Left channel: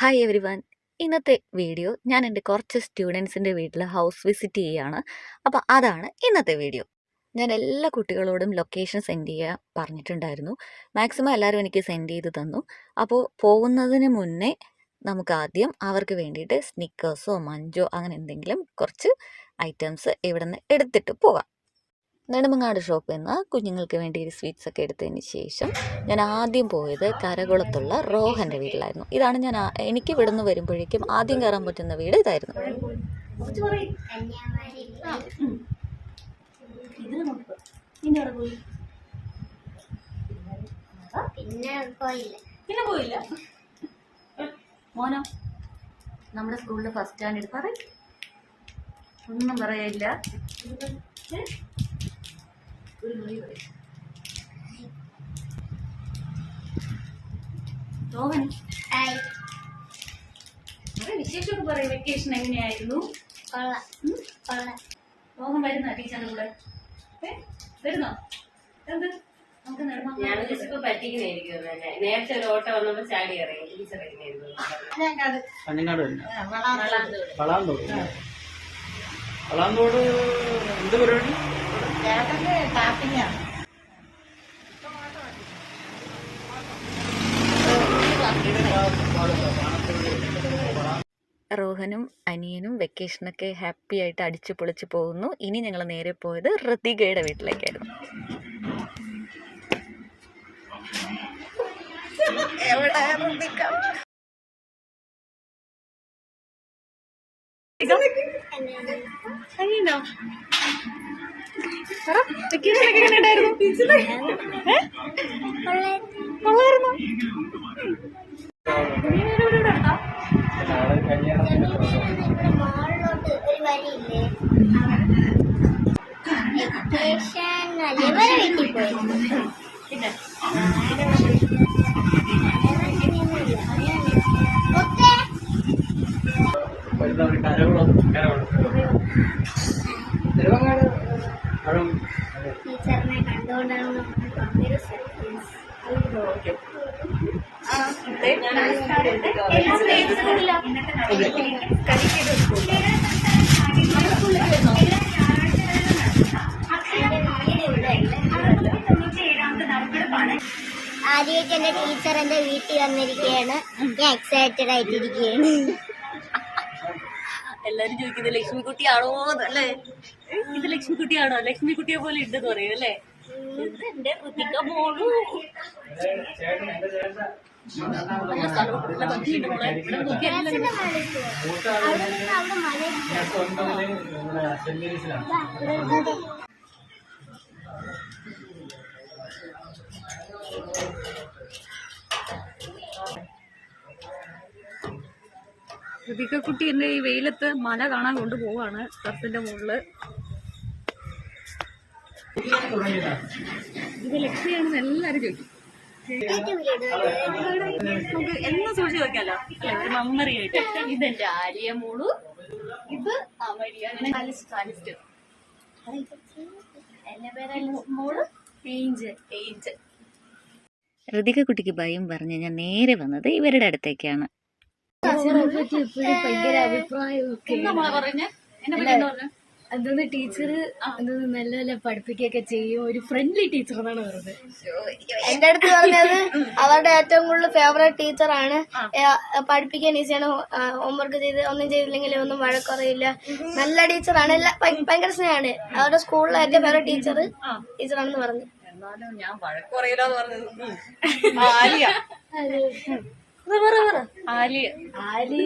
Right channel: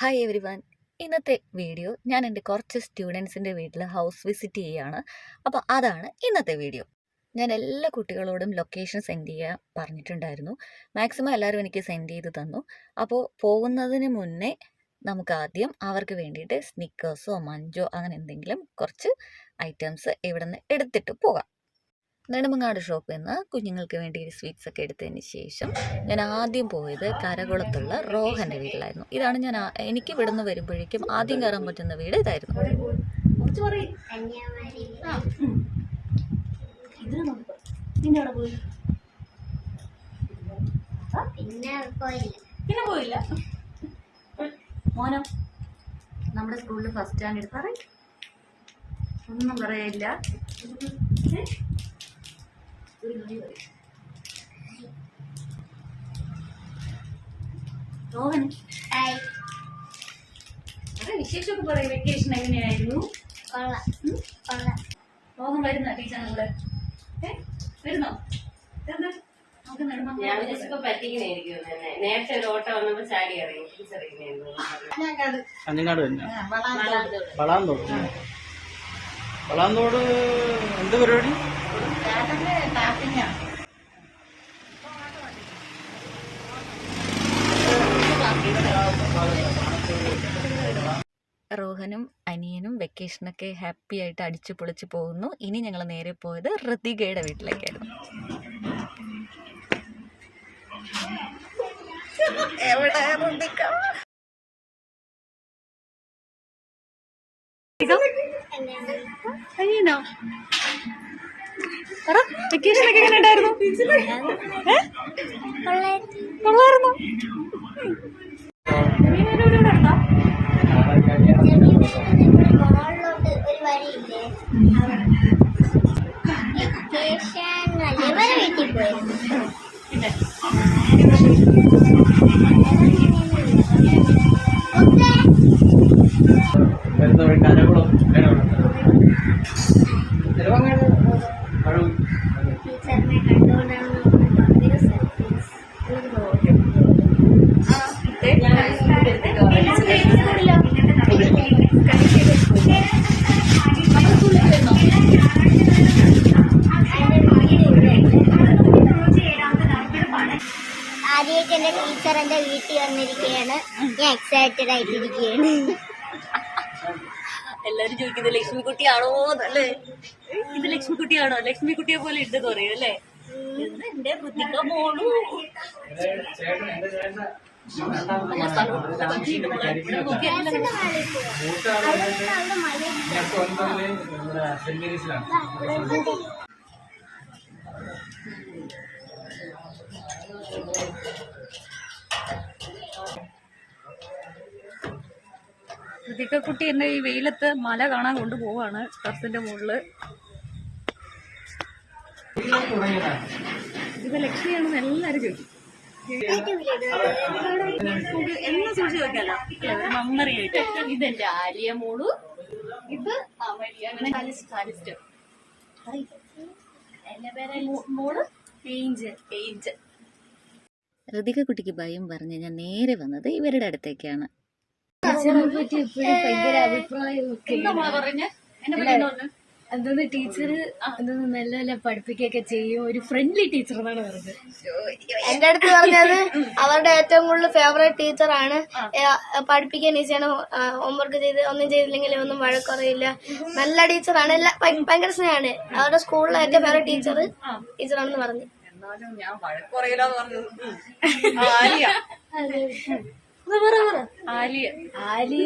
Hi every one. ഇന്നത്തെ video ഞാൻ എൻ്റെ കുറച്ച് സ്റ്റുഡൻസിൻ്റെ വീട്ടിൽ ഹൗസ് വിസിറ്റ് ചെയ്യുകയാണ്. അപ്പോൾ അതാണ് ഇന്നത്തെ വീഡിയോ. ഞാൻ എല്ലാ കുട്ടികളോടും ലൊക്കേഷൻ സെൻഡ് ചെയ്യാൻ പറഞ്ഞിട്ടുണ്ടായിരുന്നു. മാക്സിമം എല്ലാവരും എനിക്ക് സെൻഡ് ചെയ്ത് തന്നു. അപ്പോൾ പോകുന്നതിന് മുന്നേ നമുക്ക് ആദ്യം അവർക്ക് വേണ്ടിയിട്ട് സ്നിക്കേഴ്സോ മഞ്ചോ അങ്ങനെ എന്തെങ്കിലും കുറച്ച് ഐറ്റംസ് ഇവിടെ നിന്ന് എടുത്തിട്ട് പോകാം. നെടുമങ്ങാട് ഷോപ്പിൽ നിന്ന് കുഞ്ഞുങ്ങൾക്ക് വേണ്ടി സ്വീറ്റ്സ് ഒക്കെ എടുത്തതിന് ശേഷം ഞാൻ ആദ്യം പോയത് കരകുളത്തുള്ള റോഹൻ്റെ വീട്ടിലായിരുന്നു. ഇതാണ് എനിക്ക് ഇവിടെ നിന്ന് വരുമ്പോഴേക്കും ആദ്യം കയറാൻ പറ്റുന്ന വീട് ഇതായിരുന്നു. പിന്നെ പോയില്ല മോനോ? നമ്മുടെ സ്കൂളിൽ ഫസ്റ്റ് സ്റ്റാൻഡേർഡ് പറയും ഒന്നും പറയില്ല. വിശേഷമൊക്കെ പറയും. വെക്കേഷൻ എങ്ങനെയായിരുന്നു? മോഹൻ വരുന്ന ടീച്ചറിന്റെ കൂടെ വരുന്നോ? ഞാനിപ്പോ പറ്റിക്കുന്നതായിരിക്കും. നേരത്തെ ഒരു ഓട്ടോ വന്നപ്പോ ചാടി അറിയാം ടീച്ചർ വളാന്തോട് എന്ത് പരിപാടി? റോഹനും അനിയനും വെക്കേഷനൊക്കെ ഹാപ്പി ആയിട്ട് അടിച്ചു പൊളിച്ച് പോകുന്നു. ഇനി ഞങ്ങൾ നേരെ പോയത് ഋതികയുടെ വീട്ടിലേക്കായിരുന്നു. എവിടെ ഋതിക? അയ്യനോ വെക്കേഷനൊക്കെ എങ്ങനെ ഉണ്ടായിരുന്നു? കൊള്ളായിരുന്നു. ഒരു വഴിയില്ലേ വീട്ടിൽ പോയിരുന്നു. പിന്നെ ടീച്ചറിനെ കണ്ടുകൊണ്ടാണ് ആദ്യമായിട്ട് എന്റെ ടീച്ചർ എന്റെ വീട്ടിൽ വന്നിരിക്കുകയാണ്. ഞാൻ എക്സൈറ്റഡ് ആയിട്ടിരിക്കുകയാണ്. എല്ലാരും ചോദിക്കുന്നത് ലക്ഷ്മിക്കുട്ടിയാണോ എന്നല്ലേ? ഇത് ലക്ഷ്മിക്കുട്ടിയാണോ? ലക്ഷ്മിക്കുട്ടിയെ പോലെ ഉണ്ടെന്ന് പറയും അല്ലേ? എന്റെ ഋതിക മോളു. നല്ല സ്ഥലവും നല്ല ഭംഗിയുണ്ട് മോളെ. ഇവിടെ നോക്കിയാൽ ഋതികക്കുട്ടി എന്നെ ഈ വെയിലത്ത് മല കാണാൻ കൊണ്ടുപോവാണ്. ടെറസിന്റെ മുകളില് ഇത് ലക്ഷ്മിയാണെന്ന് എല്ലാരും ചോദിക്കും. നമുക്ക് എന്നും സൂക്ഷിച്ച് നോക്കാലോ ഒരു മെമ്മറി ആയിട്ട്. ഇതെന്റെ ആലിയ മോളു, ഇത് അമരിയ. അങ്ങനെ എന്റെ പേര് മോള് ഏഞ്ച്. ഋതിക കുട്ടിക്ക് ഭയം പറഞ്ഞ് ഞാൻ നേരെ വന്നത് ഇവരുടെ അടുത്തേക്കാണ്. ഭയങ്കര അഭിപ്രായം എന്തോന്ന് ടീച്ചർ എന്തോന്ന് നല്ല നല്ല പഠിപ്പിക്കുകയൊക്കെ ചെയ്യും. ഒരു ഫ്രണ്ട്ലി ടീച്ചർ എന്നാണ് പറഞ്ഞത്. എന്റെ അടുത്ത് പറഞ്ഞത് അവരുടെ ഏറ്റവും കൂടുതൽ ഫേവറേറ്റ് ടീച്ചറാണ്. പഠിപ്പിക്കാൻ ഈസിയാണ്. ഹോംവർക്ക് ചെയ്ത് ഒന്നും ചെയ്തില്ലെങ്കിൽ ഒന്നും വഴക്കുറയില്ല. നല്ല ടീച്ചറാണ്. ഭയങ്കര സ്നേഹമാണ്. അവരുടെ സ്കൂളിലെ ഏറ്റവും ഫേവറേറ്റ് ടീച്ചറാണെന്ന് പറഞ്ഞു. ഞാൻ വഴക്കുറയില്ലെന്ന് പറഞ്ഞത്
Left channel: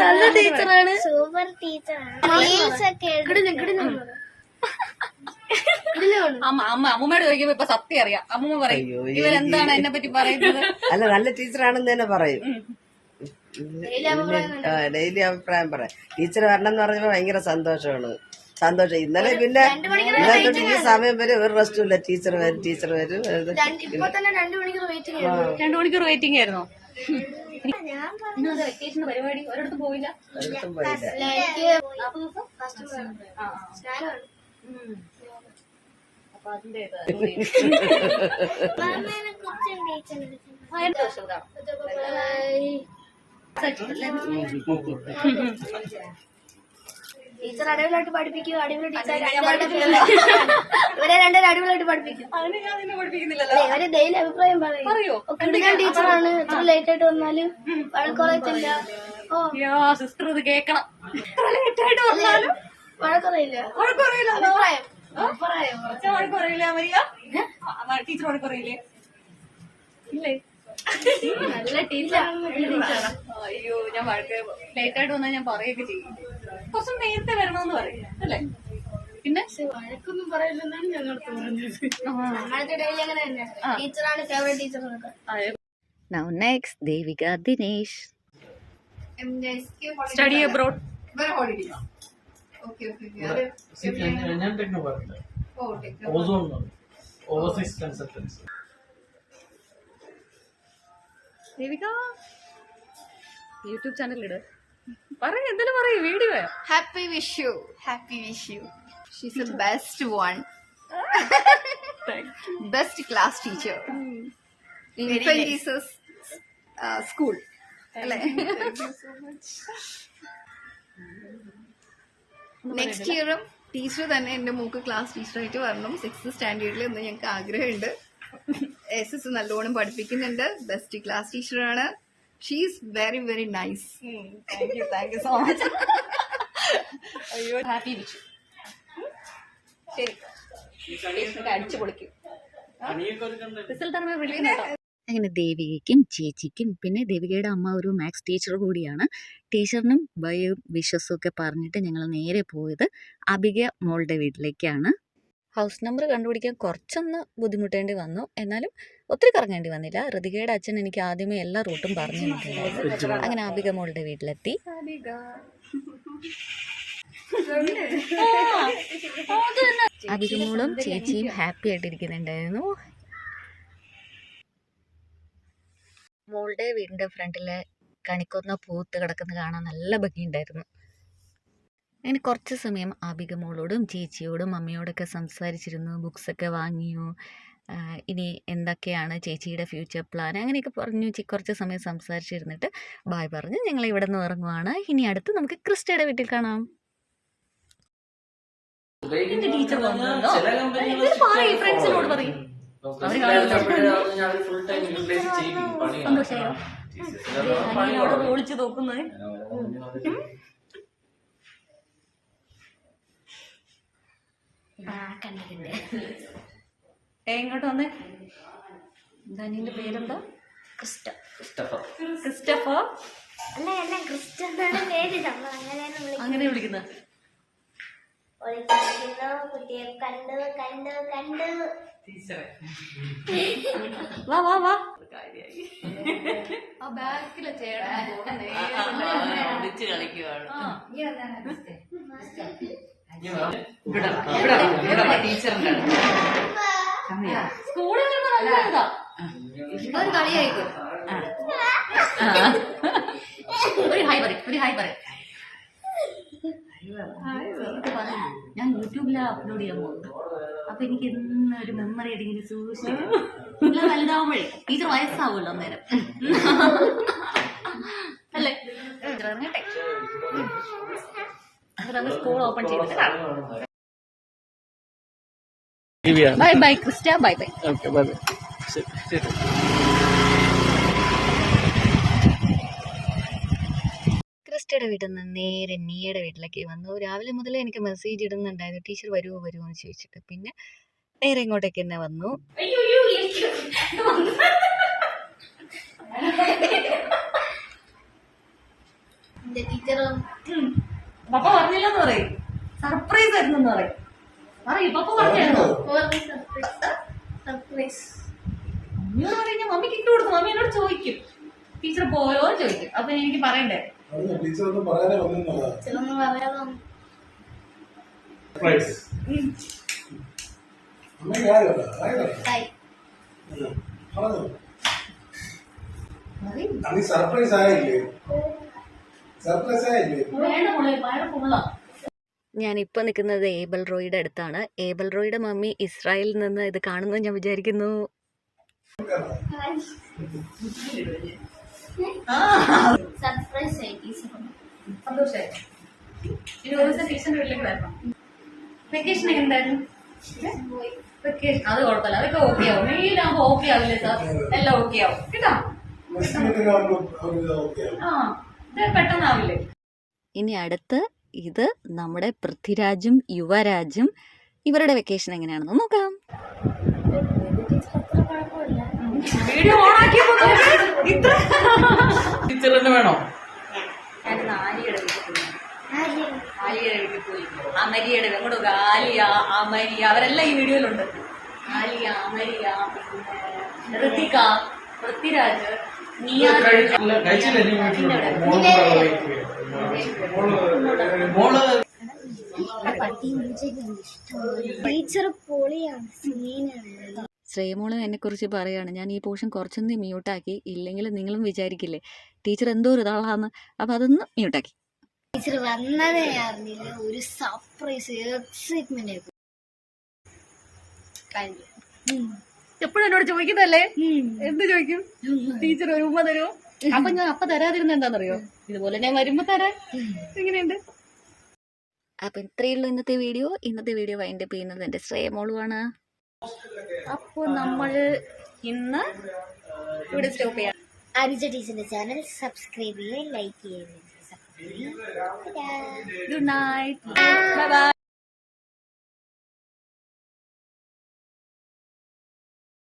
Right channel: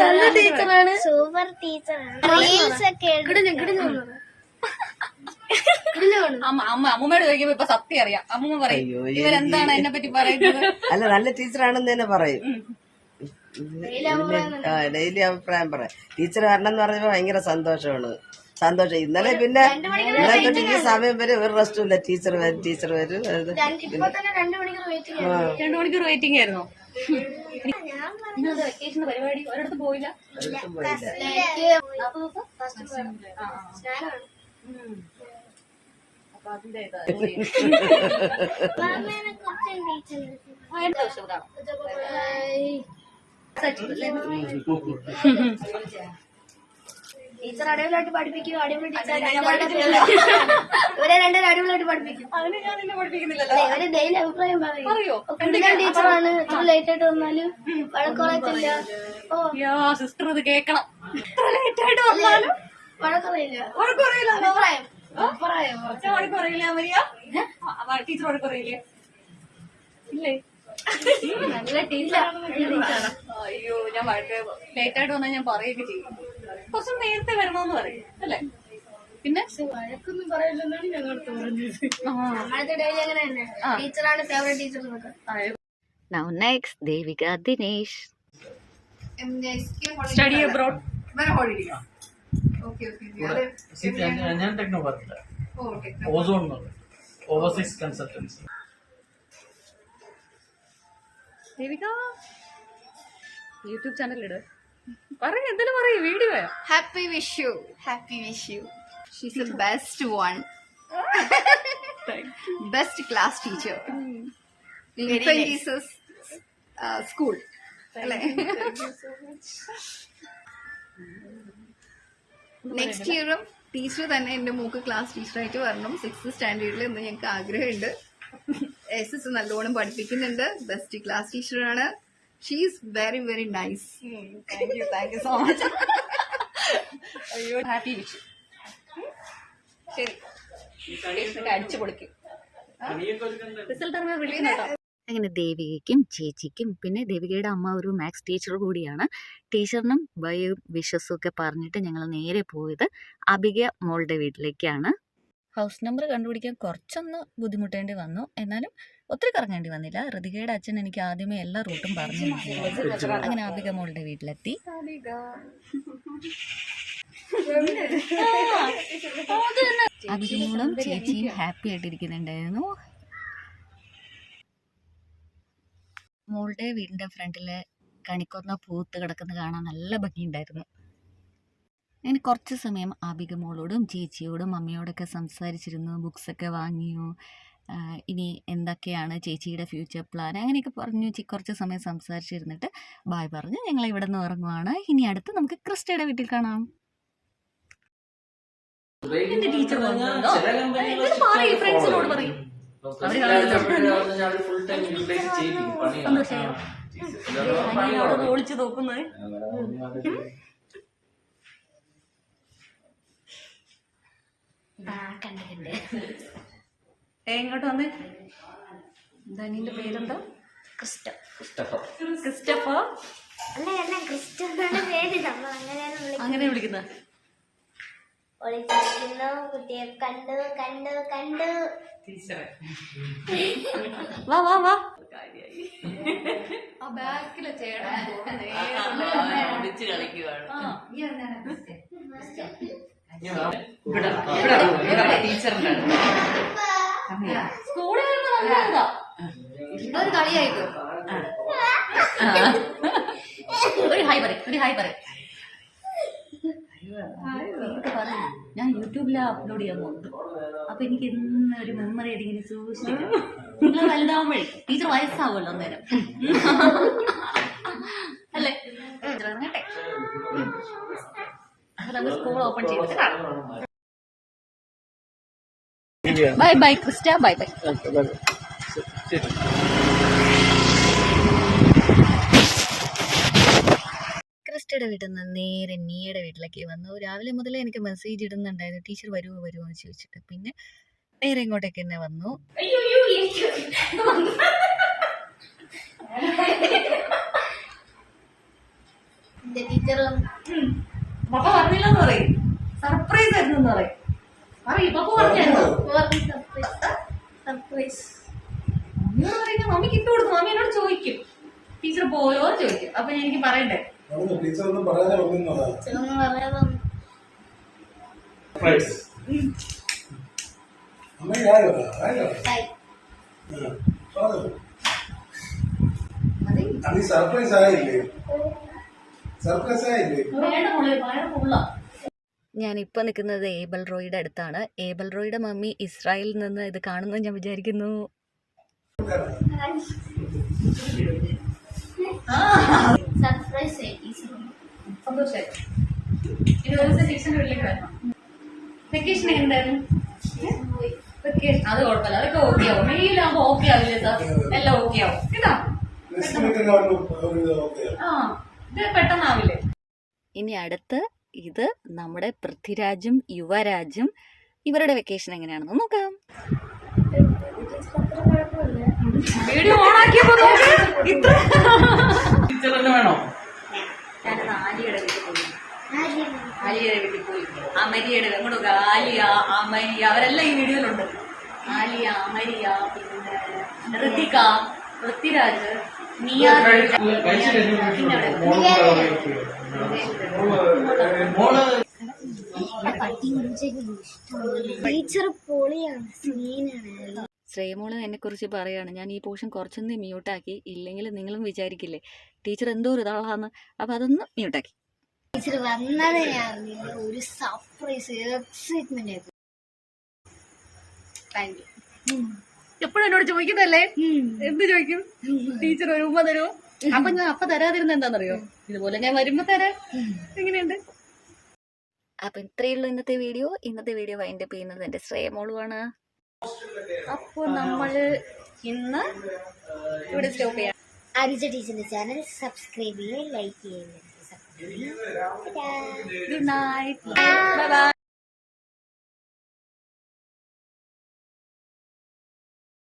നല്ല ടീച്ചറാണ്. സൂപ്പർ ടീച്ചറാണ്. റീൽസ് ഒക്കെ അമ്മൂമ്മയോട് ചോദിക്കുമ്പോ ഇപ്പൊ സത്യം അറിയാം. അമ്മൂമ്മ പറയും ഇവരെന്താണ് എന്നെ പറ്റി പറയുന്നത്. അല്ല, നല്ല ടീച്ചറാണെന്ന് തന്നെ പറയും. ഡെയിലി അഭിപ്രായം പറയാം. ടീച്ചർ വരണം എന്ന് പറഞ്ഞപ്പോ ഭയങ്കര സന്തോഷം. ഇന്നലെ പിന്നെ ഇന്നലെ തൊട്ട് ഈ സമയം വരെ ഒരു റെസ്റ്റും ഇല്ല. ടീച്ചർ വരും 2 മണിക്കൂർ വെയിറ്റിംഗ് ആയിരുന്നോ? വെക്കേഷൻ പരിപാടി ഒരിടത്തും പോയില്ല. അപ്പൊ അതിന്റെ ടീച്ചർ അടിപൊളിയായിട്ട് പഠിപ്പിക്കും. അടിപൊളി ടീച്ചർ. ഇവരെ രണ്ടുപേരും അടിപൊളിയായിട്ട് പഠിപ്പിക്കും. അതിന് ഞാൻ നിന്നെ പഠിപ്പിക്കുന്നില്ലല്ലോ. ഇവര് ഡെയിലി അഭിപ്രായം പറയോ? ടീച്ചറാണ്. ഇത്ര ലേറ്റ് ആയിട്ട് വന്നാലും വഴക്കുറയത്തില്ല. ഓ സിസ്റ്റർ ഇത് കേക്കണം. ലേറ്റ് ആയിട്ട് വന്നാലും വഴക്കുറയില്ല. വഴക്കുറയില്ല. അഭിപ്രായം വഴക്കുറയില്ല മരിയ. ടീച്ചർ വഴക്കുറയില്ലേ? ഇല്ലേ? നല്ല ടീച്ചറാണ്. അയ്യോ ഞാൻ ലേറ്റ് ആയിട്ട് വന്നാൽ ഞാൻ പറയുകയൊക്കെ ചെയ്യും. കുറച്ച് നേരത്തെ വരണമെന്ന് പറയും അല്ലേ? പിന്നെ വഴക്കൊന്നും പറയില്ലെന്നാണ് ഞങ്ങൾക്ക് പറഞ്ഞത്. ഞങ്ങൾക്ക് ഡെയിലി അങ്ങനെ തന്നെ. ടീച്ചറാണ് ഫേവറേറ്റ് ടീച്ചർ എന്നൊക്കെ. Now next, Devika Dinesh. Study abroad. ഞാൻ ടെക്നോ പറഞ്ഞില്ല. Ozone overseas consultancy. Devika YouTube channel ഇട്. പറയും എന്തിനു പറയും video. Happy wish you. Happy wish you. She's the best one. Best class teacher. Infant Jesus school. അല്ലേ? Next ഇയറും teacher തന്നെ എന്റെ mock class ടീച്ചറായിട്ട് വരണം. 6th സ്റ്റാൻഡേർഡിൽ എന്ന് ഞങ്ങൾക്ക് ആഗ്രഹമുണ്ട്. SS നല്ലോണം പഠിപ്പിക്കുന്നുണ്ട്. ബെസ്റ്റ് ക്ലാസ് ടീച്ചറാണ്. She's very very nice. Thank you so much. അയ്യോ ഹാപ്പി വിഷു. ശരി അടിച്ചു പൊളിക്കും. റിസൾട്ട് അറിയുമ്പോൾ വിളിക്കുന്നുണ്ടോ? അങ്ങനെ ദേവികയ്ക്കും ചേച്ചിക്കും പിന്നെ ദേവികയുടെ അമ്മ ഒരു മാത്സ് ടീച്ചർ കൂടിയാണ്. ടീച്ചറിനും ബൈയും വിഷസും ഒക്കെ പറഞ്ഞിട്ട് ഞങ്ങൾ നേരെ പോയത് അബിക മോളുടെ വീട്ടിലേക്കാണ്. ഹൗസ് നമ്പർ കണ്ടുപിടിക്കാൻ കുറച്ചൊന്ന് ബുദ്ധിമുട്ടേണ്ടി വന്നു. എന്നാലും ഒത്തിരി കറങ്ങേണ്ടി വന്നില്ല. ഋതികയുടെ അച്ഛൻ എനിക്ക് ആദ്യമേ എല്ലാ റൂട്ടും പറഞ്ഞു തന്നിട്ടുണ്ടായിരുന്നു. അങ്ങനെ അബിക മോളുടെ വീട്ടിലെത്തി. അബിക മോളും ചേച്ചിയും ഹാപ്പി ആയിട്ടിരിക്കുന്നുണ്ടായിരുന്നു. മോളുടെ വീടിൻ്റെ ഫ്രണ്ടിലെ കണിക്കൊന്ന പൂത്ത് കിടക്കുന്ന കാണാൻ നല്ല ഭംഗിയുണ്ടായിരുന്നു. അങ്ങനെ കുറച്ച് സമയം ആബിക മോളോടും ചേച്ചിയോടും അമ്മയോടൊക്കെ സംസാരിച്ചിരുന്നു. ബുക്സൊക്കെ വാങ്ങിയോ, ഇനി എന്തൊക്കെയാണ് ചേച്ചിയുടെ ഫ്യൂച്ചർ പ്ലാൻ, അങ്ങനെയൊക്കെ പറഞ്ഞു കുറച്ച് സമയം സംസാരിച്ചിരുന്നിട്ട് ബായ് പറഞ്ഞ് ഞങ്ങൾ ഇവിടെ നിന്ന് ഇറങ്ങുവാണ്. ഇനി അടുത്ത് നമുക്ക് ക്രിസ്റ്റയുടെ വീട്ടിൽ കാണാം. ടീച്ചർ ഫ്രണ്ട്സിനോട് പറയും. സന്തോഷമായോ? അവിടെ ഒളിച്ചു നോക്കുന്നത്. എങ്ങോട്ട് വന്നേ? എന്താ നിന്റെ പേരെന്താ? ക്രിസ്റ്റഫർ. അങ്ങനെ വിളിക്കുന്ന കുട്ടിയെ കണ്ട് കണ്ട് കണ്ട് വാ വാ വാ. ആ ബാക്കിലെ ചേട്ടൻ സ്കൂളിൽ വരുമ്പോ നല്ല ഇതാ. ഒരു കളിയായിക്കോ. ഒരു ഹായ് പറയും, ഒരു ഹായ് പറയും. ഞാൻ യൂട്യൂബിൽ അപ്ലോഡ് ചെയ്യാൻ പോകുന്നു. അപ്പൊ എനിക്ക് ഇന്ന് ഒരു മെമ്മറി ആയിട്ട് ഇങ്ങനെ സൂക്ഷിച്ചിരിക്കും. നിങ്ങൾ വലുതാവുമ്പോഴേ ടീച്ചർ വയസ്സാവുമല്ലോ അന്നേരം അല്ലേ? ഇറങ്ങട്ടെ. അപ്പൊ സ്കൂൾ ഓപ്പൺ ചെയ്തിട്ട് bye bye Christa. Bye bye. ക്രിസ്റ്റയുടെ വീട്ടിൽ നിന്ന് നേരെ നീയുടെ വീട്ടിലേക്ക് വന്നു. രാവിലെ മുതലേ എനിക്ക് മെസ്സേജ് ഇടുന്നുണ്ടായിരുന്നു ടീച്ചർ വരുമോ എന്ന് ചോദിച്ചിട്ട്. പിന്നെ നേരെ ഇങ്ങോട്ടേക്ക് തന്നെ വന്നു. ടീച്ചറും പപ്പ പറഞ്ഞില്ലെന്ന് പറയും. സർപ്രൈസ് ആയിരുന്നു പറയും. പറയും പപ്പ പറഞ്ഞായിരുന്നോ? സർപ്രൈസ്. മമ്മിയോട് പറയുക മമ്മിക്ക് ഇട്ട് കൊടുക്കും. മമ്മി എന്നോട് ചോദിക്കും ടീച്ചർ പോയോ ചോദിക്കും. അപ്പൊ എനിക്ക് പറയണ്ടേ? ടീച്ചറൊന്നും പറയാതെ സർപ്രൈസ് ആയില്ലേ? സർപ്രൈസ് ആയില്ലേ? ഞാനിപ്പോൾ നിൽക്കുന്നത് ഏബൽ റോയുടെ അടുത്താണ്. ഏബൽ റോയുടെ മമ്മി ഇസ്രായേലിൽ നിന്ന് ഇത് കാണുന്നു ഞാൻ വിചാരിക്കുന്നു. സർപ്രൈസ് ആയി ടീച്ചർ സന്തോഷമായി. ഇനി ഒരു ദിവസം ടീച്ചറിന്റെ വീട്ടിലേക്ക് വരണം. വെക്കേഷൻ എന്തായിരുന്നു? വെക്കേഷൻ അത് കുഴപ്പമില്ല, അതൊക്കെ ഓക്കെ ആവും. മെയിലാകുമ്പോ ഓക്കെ ആവില്ലേ സാർ? എല്ലാം ഓക്കെ ആവും കേട്ടോ. ആ ഇത് പെട്ടെന്നാവില്ലേ? ഇനി അടുത്ത് ഇത് നമ്മുടെ പൃഥ്വിരാജും യുവരാജും ഇവരുടെ വെക്കേഷൻ എങ്ങനെയാണെന്ന് നോക്കാം. വീഡിയോ ഓണാക്കിയപ്പോ ടീച്ചറിന് വേണോ? ഞാനിന്ന് ആര്യയുടെ വീട്ടിൽ പോയി. ആര്യയുടെ വീട്ടിൽ പോയി. അമരിയുടെ അങ്ങോട്ട് ആലിയ, അമരിയ അവരെല്ലാം ഈ വീഡിയോയിലുണ്ട്. ആലിയ, അമരിയ, പിന്നെ ഋതിക, പൃഥ്വിരാജ്, നിയ. ടീച്ചർ പൊളിയാണ്, സീനാണ്. ശ്രേയമോള് എന്നെക്കുറിച്ച് പറയാണ്, ഞാൻ ഈ പോർഷൻ കുറച്ചൊന്ന് മ്യൂട്ടാക്കി, ഇല്ലെങ്കിൽ നിങ്ങളും വിചാരിക്കില്ലേ ടീച്ചർ എന്തോ ഒരു ഇതാളാന്ന്. അപ്പം അതൊന്ന് മ്യൂട്ടാക്കി. ടീച്ചർ വന്നത് ഞാൻ അറിഞ്ഞില്ല. ഒരു സർപ്രൈസ് എക്സൈറ്റ്മെന്റ് ആയിരുന്നു. എപ്പോഴും എന്നോട് ചോദിക്കുന്നല്ലേ? എന്ത് ചോദിക്കും? ടീച്ചർ ഒരു ഉമ്മ തരുമോ? അപ്പൊ ഞാൻ അപ്പൊ തരാതിരുന്ന എന്താണെന്നറിയോ? ഇതുപോലെ ഞാൻ വരുമ്പോ തരാൻ. എങ്ങനെയുണ്ട്? അപ്പം ഇത്രയുള്ളൂ ഇന്നത്തെ വീഡിയോ. ഇന്നത്തെ വീഡിയോ വൈൻഡപ്പ് ചെയ്യുന്നത് എൻ്റെ ശ്രേയമോളുമാണ്. അപ്പൊ നമ്മള് ഇന്ന് ഇവിടെ സ്റ്റോപ്പ് ചെയ്യാം. അനുജ ടീച്ചറിന്റെ ചാനൽ സബ്സ്ക്രൈബ് ചെയ്യുക, ലൈക്ക് ചെയ്യുക. Good night, bye bye.